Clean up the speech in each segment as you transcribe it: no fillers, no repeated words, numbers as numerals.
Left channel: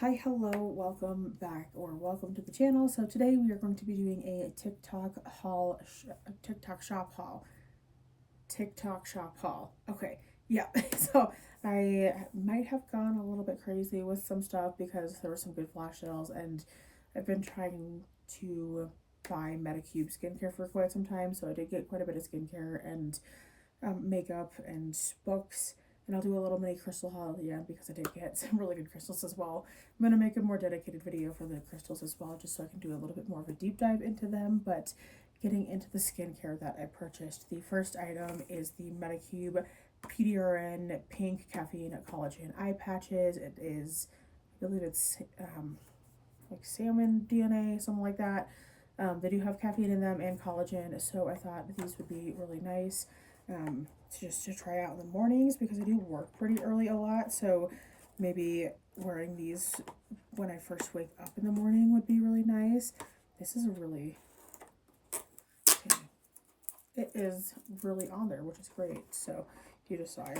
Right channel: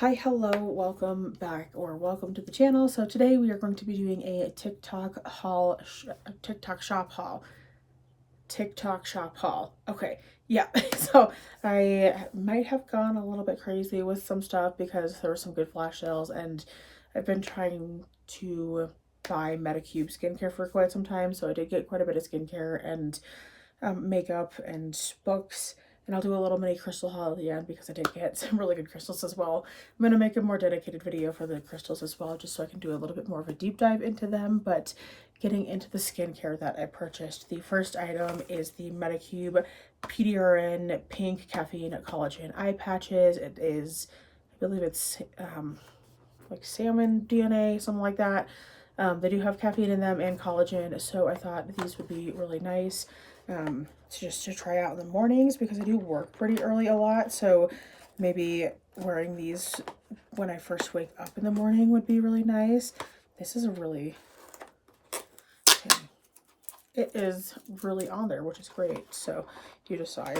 Hi, hello, welcome back or welcome to the channel. So today we are going to be doing a TikTok haul, TikTok shop haul. TikTok shop haul. Okay, yeah. So I might have gone a little bit crazy with some stuff because there were some good flash sales, and I've been trying to buy Medicube skincare for quite some time. So I did get quite a bit of skincare and makeup and books. And I'll do a little mini crystal haul at the end because I did get some really good crystals as well. I'm going to make a more dedicated video for the crystals as well, just so I can do a little bit more of a deep dive into them. But getting into the skincare that I purchased, the first item is the Medicube PDRN Pink Caffeine Collagen Eye Patches. It is, I believe it's like salmon DNA, something like that. They do have caffeine in them and collagen, so I thought these would be really nice just to try out in the mornings because I do work pretty early a lot. So maybe wearing these when I first wake up in the morning would be really nice. This is a really, it is really on there, which is great. So you just saw I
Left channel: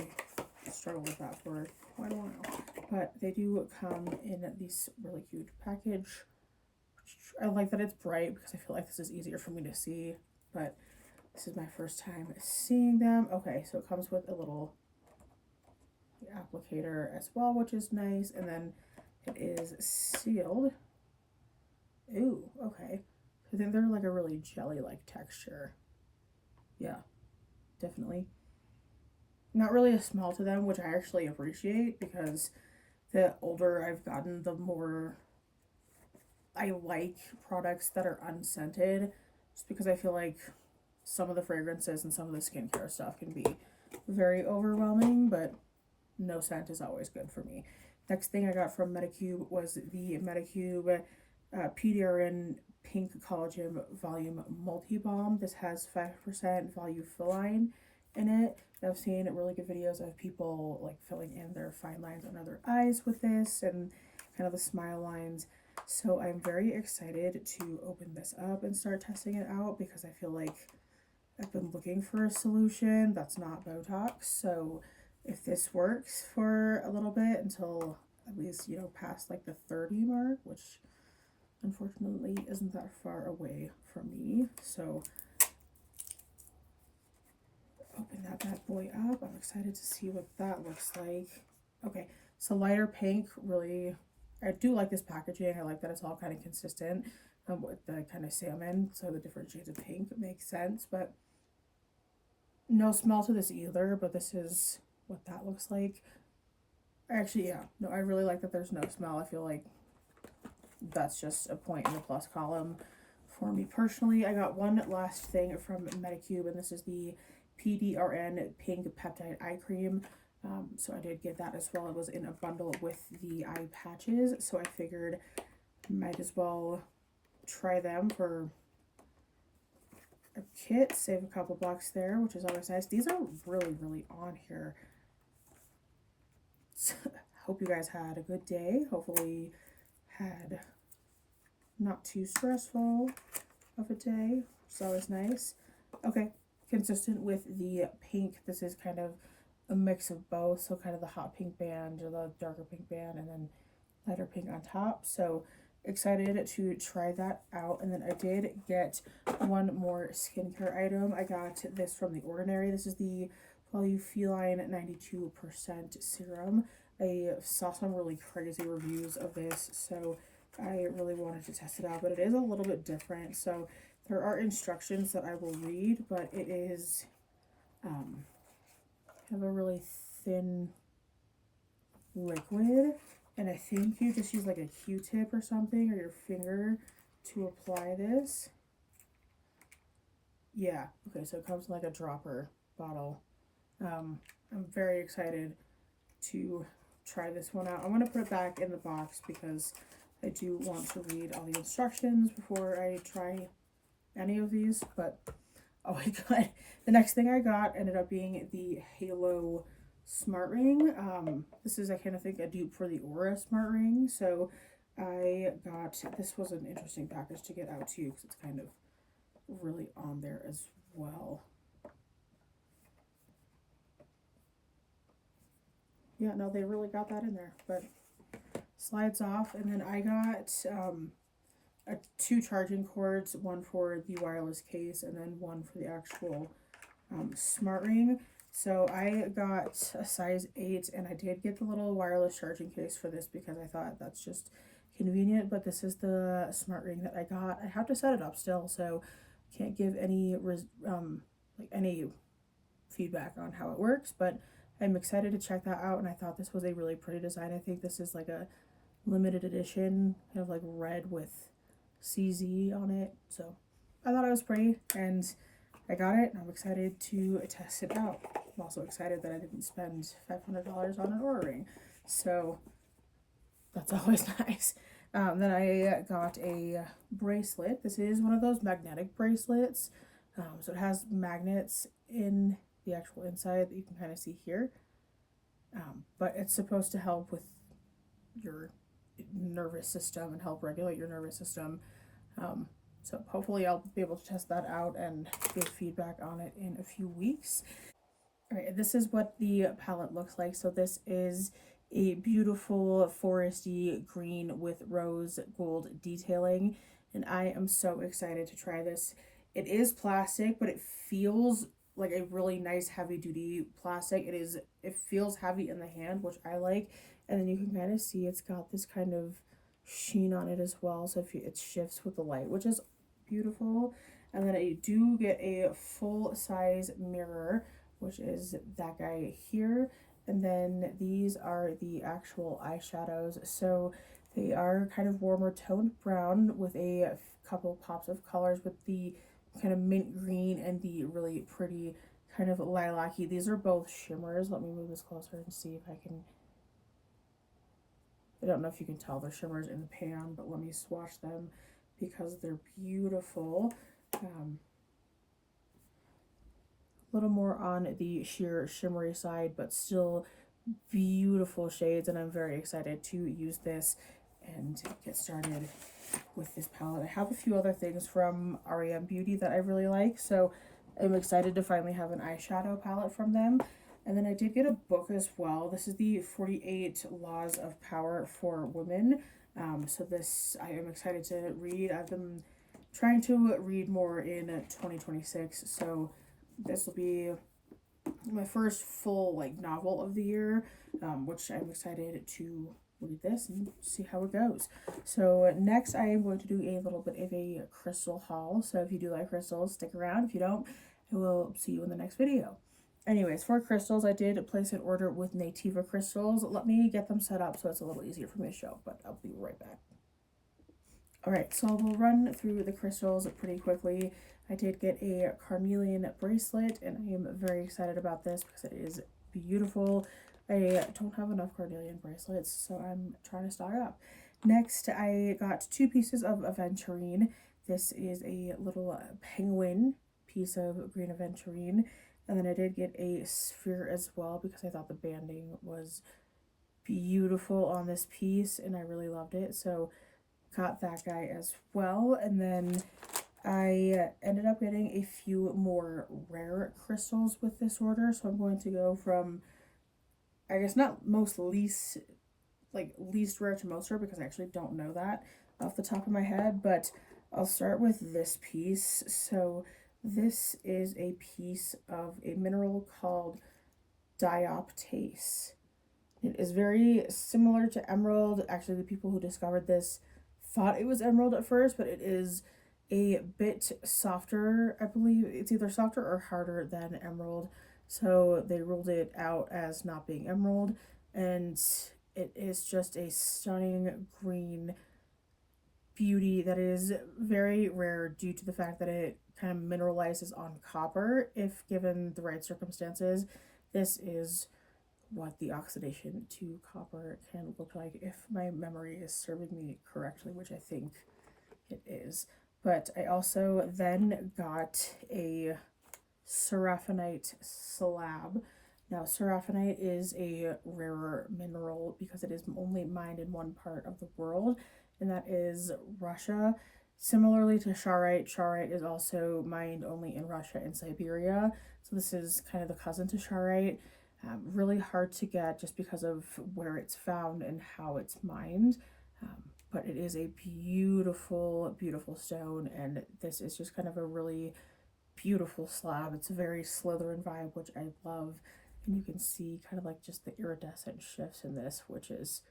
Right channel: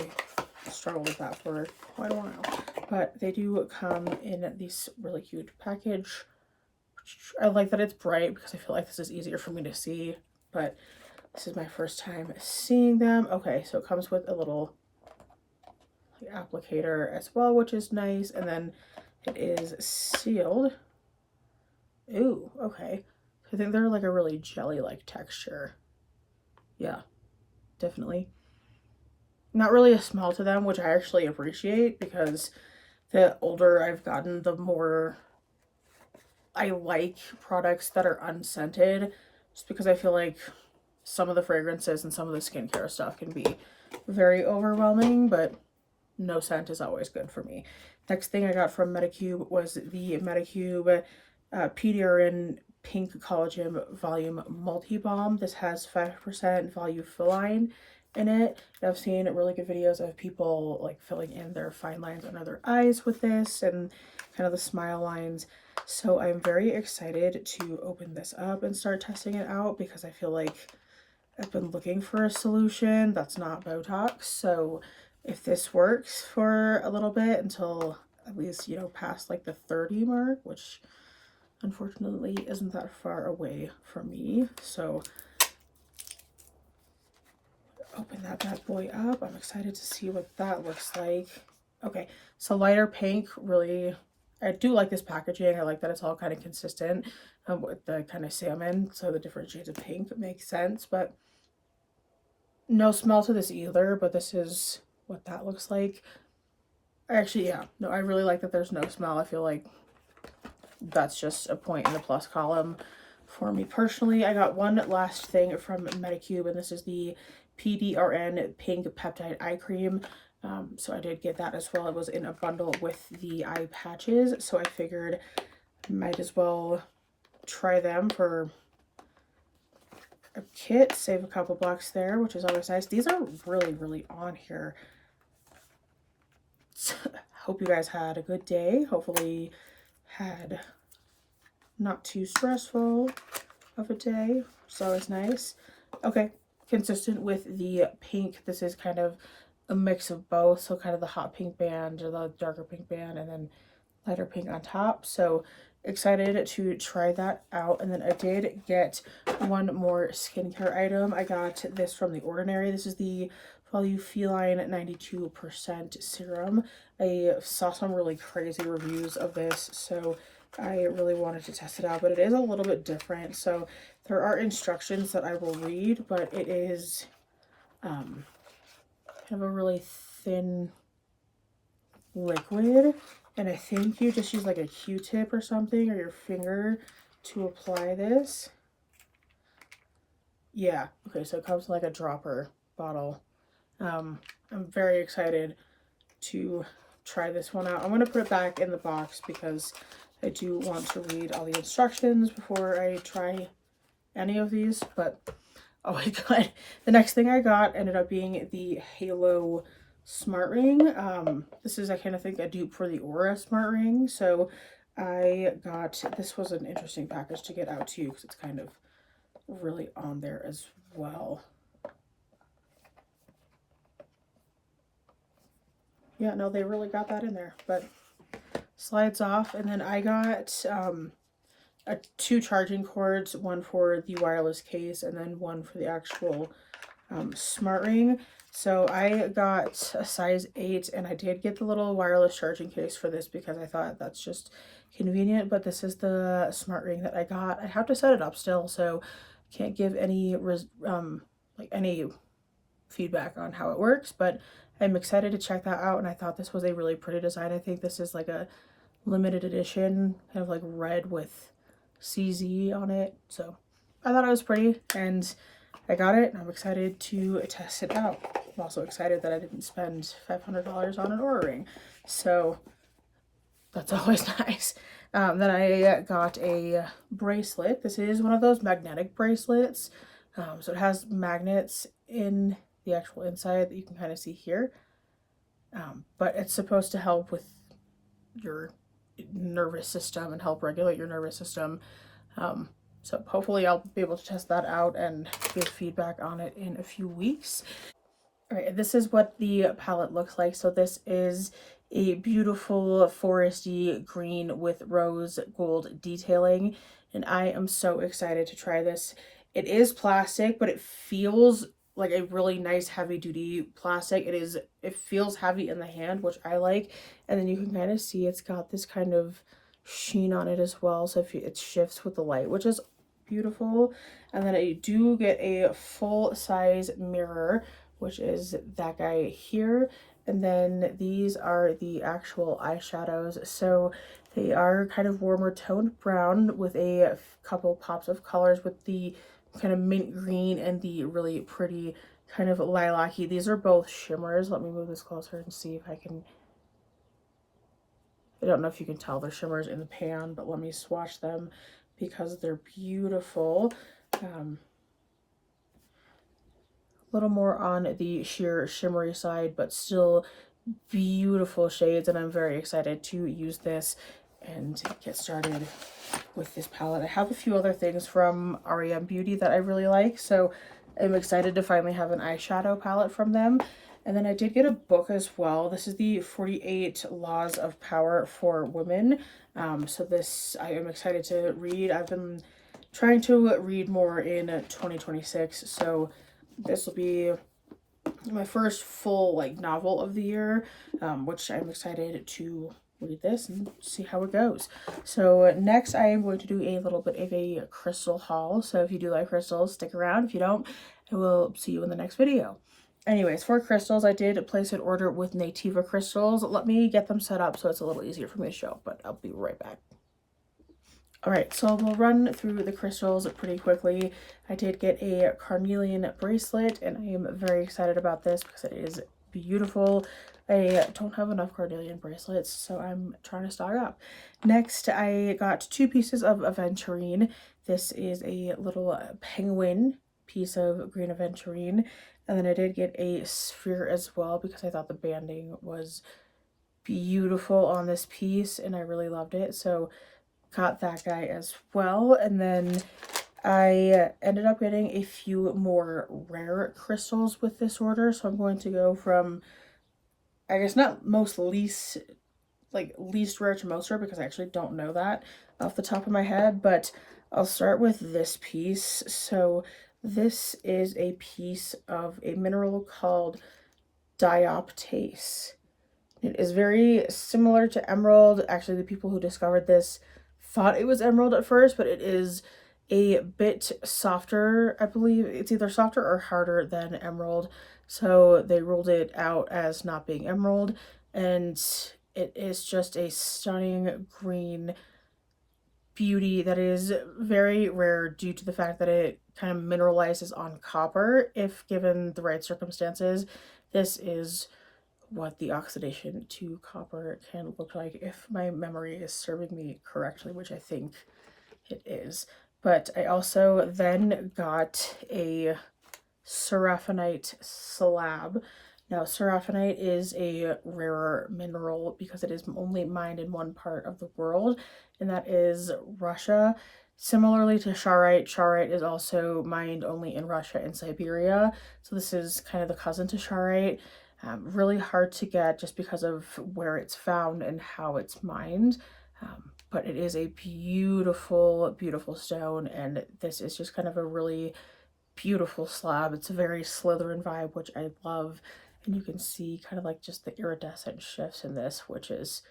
struggled with that for quite a while. But they do come in this really cute package. I like that it's bright because I feel like this is easier for me to see, but this is my first time seeing them. Okay, so it comes with a little applicator as well, which is nice, and then it is sealed. Ooh, okay. I think they're like a really jelly-like texture. Yeah, definitely. Not really a smell to them, which I actually appreciate because the older I've gotten, the more I like products that are unscented, just because I feel like some of the fragrances and some of the skincare stuff can be very overwhelming, but no scent is always good for me. Next thing I got from Medicube was the Medicube PDRN Pink Collagen Volume Multi Balm. This has 5% volufiline in it. I've seen really good videos of people like filling in their fine lines under their eyes with this and kind of the smile lines. So I'm very excited to open this up and start testing it out because I feel like I've been looking for a solution that's not Botox. So if this works for a little bit until at least, past like the 30 mark, which unfortunately isn't that far away from me. So open that bad boy up. I'm excited to see what that looks like. Okay, so lighter pink, really, I do like this packaging. I like that it's all kind of consistent with the kind of salmon, so the different shades of pink makes sense, but no smell to this either, but this is what that looks like. Actually, yeah, no, I really like that there's no smell. I feel like that's just a point in the plus column for me personally. I got one last thing from Medicube, and this is the PDRN Pink Peptide Eye Cream. So I did get that as well. It was in a bundle with the eye patches, so I figured might as well try them for a kit, save a couple bucks there, which is always nice. These are really, really on here. So, hope you guys had a good day. Hopefully had not too stressful of a day. It's always nice. Okay, consistent with the pink. This is kind of a mix of both. So kind of the hot pink band or the darker pink band and then lighter pink on top. So excited to try that out. And then I did get one more skincare item. I got this from The Ordinary. This is the Volufiline 92% serum. I saw some really crazy reviews of this, so I really wanted to test it out, but it is a little bit different. So there are instructions that I will read, but it is kind of a really thin liquid, and I think you just use like a Q-tip or something or your finger to apply this. Yeah, okay, so it comes in like a dropper bottle. I'm very excited to try this one out. I'm going to put it back in the box because I do want to read all the instructions before I try any of these, but oh my god. The next thing I got ended up being the Halo Smart Ring. This is, I kind of think, a dupe for the Aura Smart Ring, so I got, this was an interesting package to get out to you because it's kind of really on there as well. Yeah, no, they really got that in there, but slides off. And then I got two charging cords, one for the wireless case and then one for the actual smart ring. So I got a size 8, and I did get the little wireless charging case for this because I thought that's just convenient. But this is the smart ring that I got. I have to set it up still, so can't give any any feedback on how it works. But I'm excited to check that out, and I thought this was a really pretty design. I think this is like a limited edition, kind of like red with CZ on it. So I thought it was pretty, and I got it, and I'm excited to test it out. I'm also excited that I didn't spend $500 on an Oura ring, so that's always nice. Then I got a bracelet. This is one of those magnetic bracelets, so it has magnets in the actual inside that you can kind of see here, but it's supposed to help with your nervous system and help regulate your nervous system. So hopefully I'll be able to test that out and give feedback on it in a few weeks. All right, this is what the palette looks like. So this is a beautiful foresty green with rose gold detailing, and I am so excited to try this. It is plastic, but it feels like a really nice heavy duty plastic. It feels heavy in the hand, which I like. And then you can kind of see it's got this kind of sheen on it as well. So it shifts with the light, which is beautiful. And then I do get a full size mirror, which is that guy here. And then these are the actual eyeshadows. So they are kind of warmer toned brown with a couple pops of colors with the kind of mint green and the really pretty kind of lilac-y. These are both shimmers. Let me move this closer and see if I can. I don't know if you can tell they're shimmers in the pan, but let me swatch them because they're beautiful. A little more on the sheer shimmery side, but still beautiful shades, and I'm very excited to use this and get started with this palette. I have a few other things from REM Beauty that I really like, so I'm excited to finally have an eyeshadow palette from them. And then I did get a book as well. This is the 48 Laws of Power for Women. So this I am excited to read. I've been trying to read more in 2026, so this will be my first full novel of the year, which I'm excited to read this and see how it goes. So next I am going to do a little bit of a crystal haul. So if you do like crystals, stick around. If you don't, I will see you in the next video. Anyways, for crystals, I did place an order with Nativa Crystals. Let me get them set up so it's a little easier for me to show, but I'll be right back. Alright, so we'll run through the crystals pretty quickly. I did get a carnelian bracelet, and I am very excited about this because it is beautiful. I don't have enough carnelian bracelets, so I'm trying to stock up. Next, I got 2 pieces of aventurine. This is a little penguin piece of green aventurine. And then I did get a sphere as well because I thought the banding was beautiful on this piece and I really loved it. So got that guy as well. And then I ended up getting a few more rare crystals with this order. So I'm going to go from, I guess not least rare to most rare because I actually don't know that off the top of my head. But I'll start with this piece. So this is a piece of a mineral called dioptase. It is very similar to emerald. Actually, the people who discovered this thought it was emerald at first, but it is a bit softer. I believe it's either softer or harder than emerald. So they ruled it out as not being emerald. And it is just a stunning green beauty that is very rare due to the fact that it kind of mineralizes on copper if given the right circumstances. This is what the oxidation to copper can look like if my memory is serving me correctly, which I think it is. But I also then got a seraphinite slab. Now, seraphinite is a rarer mineral because it is only mined in one part of the world, and that is Russia. Similarly to charoite, charoite is also mined only in Russia and Siberia. So this is kind of the cousin to charoite. Really hard to get just because of where it's found and how it's mined. But it is a beautiful, beautiful stone, and this is just kind of a really beautiful slab. It's a very Slytherin vibe, which I love, and you can see kind of like just the iridescent shifts in this, which is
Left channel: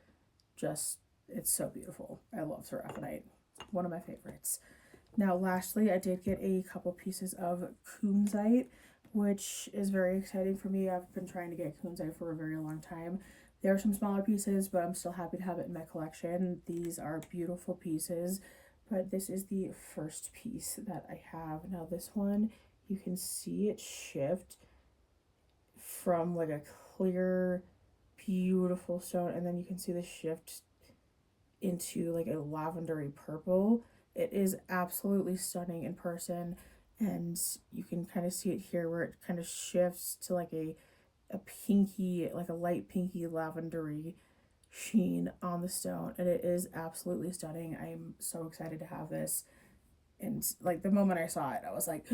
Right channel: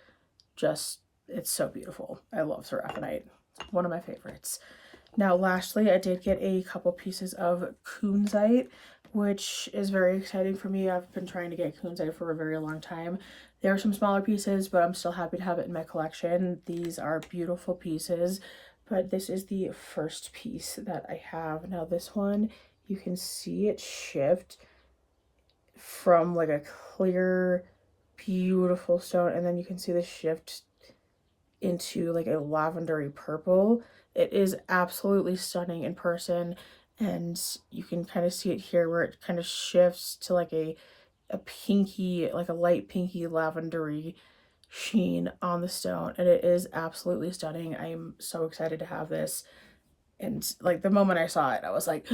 just, it's so beautiful. I love seraphonite. It's one of my favorites. Now, lastly, I did get a couple pieces of kunzite, which is very exciting for me. I've been trying to get kunzite for a very long time. There are some smaller pieces, but I'm still happy to have it in my collection. These are beautiful pieces, but this is the first piece that I have. Now, this one, you can see it shift from like a clear, beautiful stone, and then you can see the shift into like a lavendery purple. It is absolutely stunning in person, and you can kind of see it here where it kind of shifts to like a pinky, like a light pinky lavendery sheen on the stone, and it is absolutely stunning. I am so excited to have this. And like the moment I saw it, I was like,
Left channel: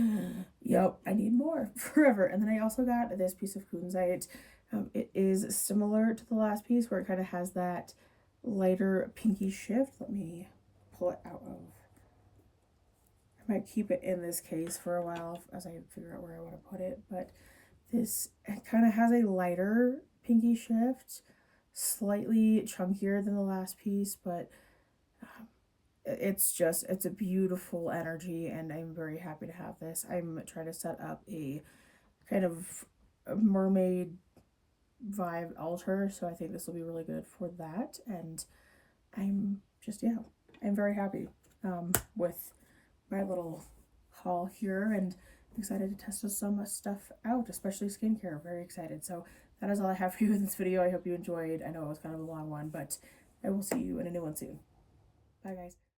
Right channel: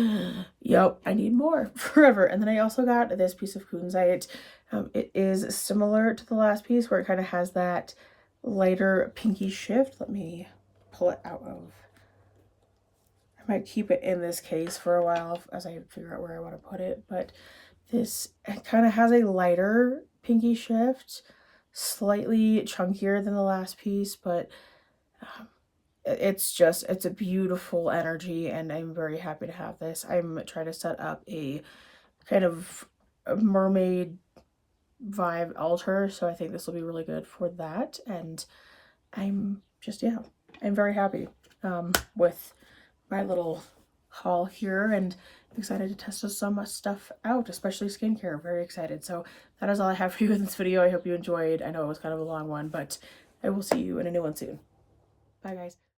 yep, I need more forever. And then I also got this piece of kunzite. It is similar to the last piece where it kind of has that lighter pinky shift. Let me pull it out of. I might keep it in this case for a while as I figure out where I want to put it. But this, it kind of has a lighter pinky shift, slightly chunkier than the last piece, but it's just, it's a beautiful energy, and I'm very happy to have this. I'm trying to set up a kind of a mermaid vibe altar, so I think this will be really good for that. And I'm just, yeah, I'm very happy with my little haul here, and excited to test some stuff out, especially skincare. Very excited. So that is all I have for you in this video. I hope you enjoyed. I know it was kind of a long one, but I will see you in a new one soon. Bye, guys.